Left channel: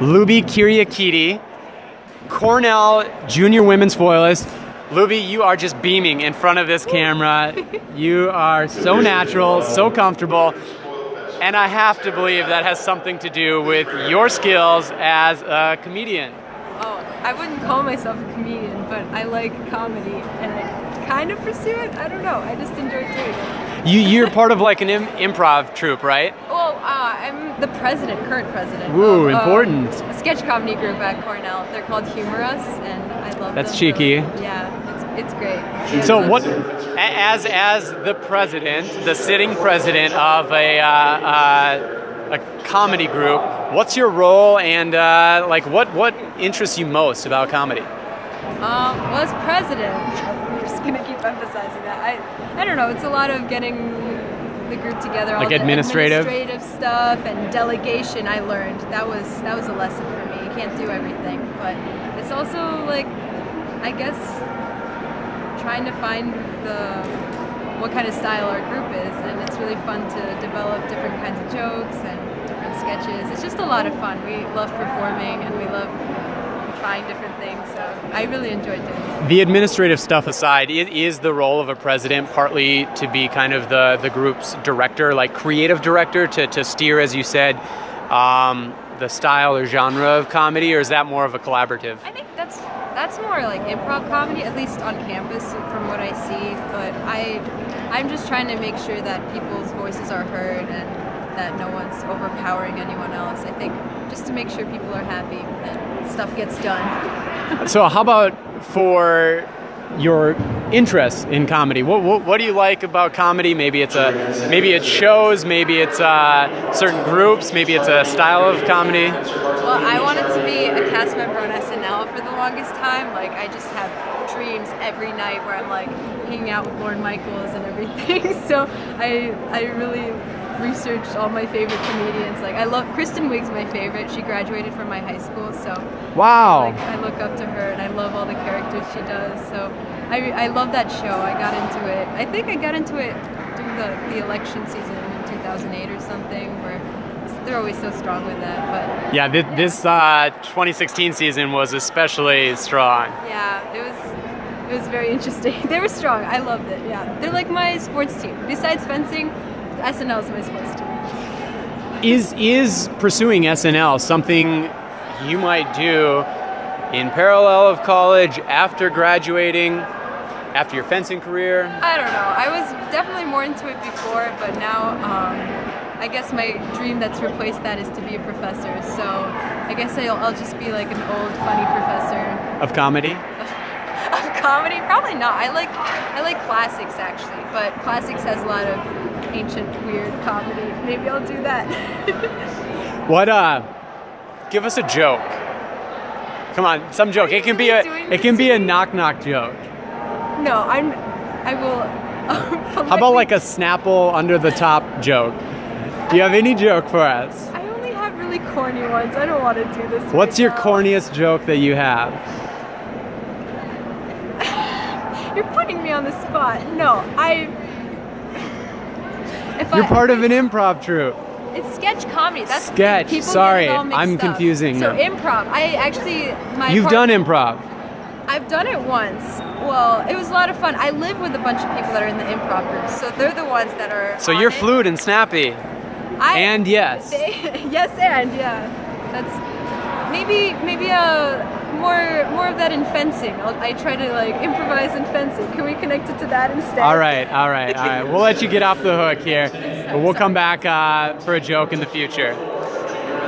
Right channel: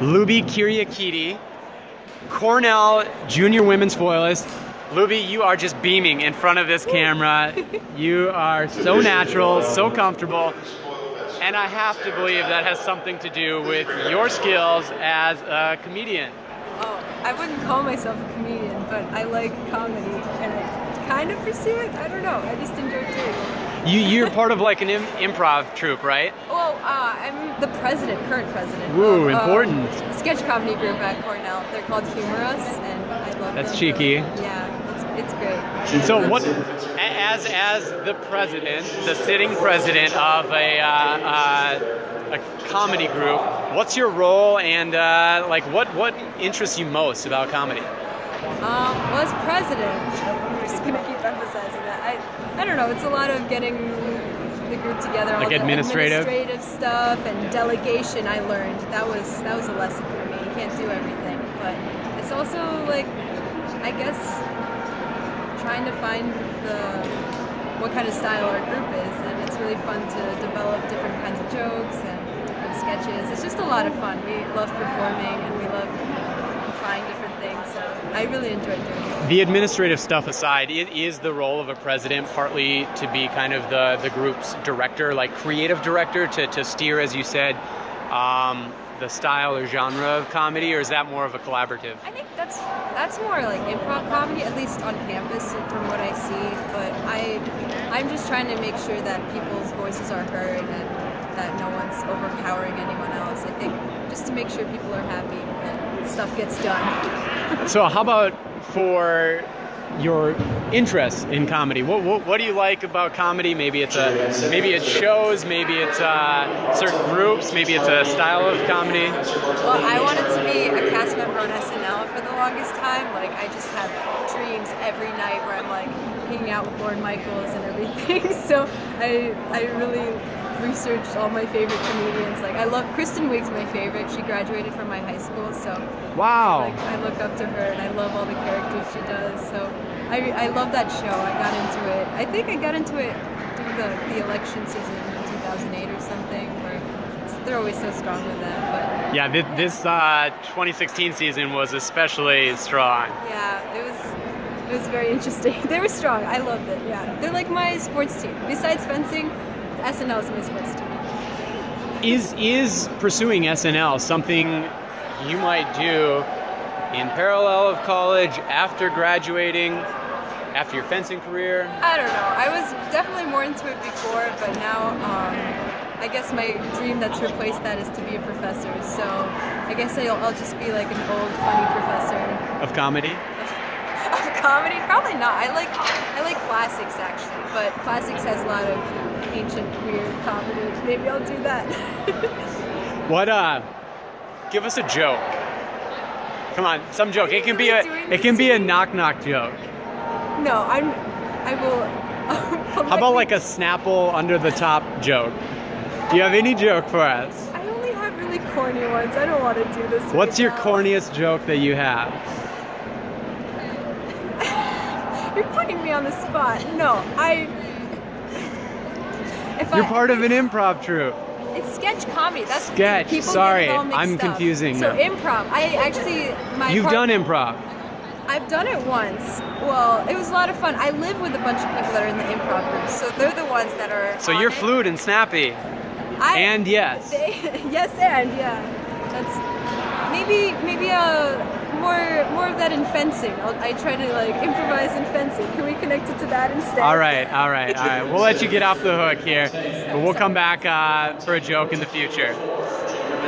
Luby Kiriakidi, Cornell junior women's foilist. Luby, you are just beaming in front of this camera. You are so natural, so comfortable, and I have to believe that has something to do with your skills as a comedian. Oh, I wouldn't call myself a comedian, but I like comedy, and I kind of pursue it. I don't know, I just enjoy doing it. You're part of like an improv troupe, right? Well, I'm the current president Ooh, of important. A sketch comedy group at Cornell. They're called Humor Us, and I love That's them. cheeky. So, yeah, it's great. So what, as the president, the sitting president of a comedy group, what's your role, and like what interests you most about comedy? Well, as president, I'm just gonna keep emphasizing that. I don't know. It's a lot of getting the group together, all like the administrative stuff and delegation. I learned that was a lesson for me. You can't do everything, but it's also like, I guess, trying to find what kind of style our group is, and it's really fun to develop different kinds of jokes and different sketches. It's just a lot of fun. We love performing and we love trying different things, so I really enjoyed doing it. The administrative stuff aside, is the role of a president partly to be kind of the group's director, like creative director, to steer, as you said, the style or genre of comedy, or is that more of a collaborative? I think that's more like improv comedy, at least on campus from what I see, but I'm just trying to make sure that people's voices are heard and that no one's overpowering anyone else. I think just to make sure people are happy and stuff gets done. So how about for your interest in comedy? What do you like about comedy? Maybe it's shows, maybe it's certain groups, maybe it's a style of comedy. Well, I wanted to be a cast member on SNL for the longest time. Like, I just have dreams every night where I'm like hanging out with Lorne Michaels and everything. So I really researched all my favorite comedians. Like, I love Kristen Wiig's my favorite. She graduated from my high school, so wow. I look up to her and I love all the characters she does. So I love that show. I got into it. I think I got into it during the election season in 2008 or something, where they're always so strong with that. But yeah, this 2016 season was especially strong. Yeah, it was very interesting. They were strong. I loved it. Yeah, they're like my sports team. Besides fencing, SNL is my sports team. Is pursuing SNL something you might do in parallel of college, after graduating, after your fencing career? I don't know. I was definitely more into it before, but now I guess my dream that's replaced that is to be a professor. So I guess I'll just be like an old funny professor. Of comedy? Of comedy? Probably not. I like classics actually, but classics has a lot of ancient weird comedy. Maybe I'll do that. Give us a joke. Come on, some joke. It can be a knock-knock joke. No, I will. How about like a Snapple under the top joke? Do you have any joke for us? I only have really corny ones. I don't want to do this. What's your corniest joke that you have? You're putting me on the spot. No, You're part of an improv troupe. It's sketch comedy. That's sketch. People Sorry, get it all mixed I'm up. confusing. So improv. You've done improv. I've done it once. Well, it was a lot of fun. I live with a bunch of people that are in the improv group, so they're the ones that are. So you're fluid and snappy. Yes. Yes, and yeah. That's maybe more of that in fencing. I try to like improvise in fencing. Can we connect it to that instead? All right. We'll let you get off the hook here, but we'll come back for a joke in the future.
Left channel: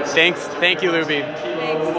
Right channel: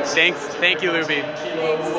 Thank you, Luby. Thanks.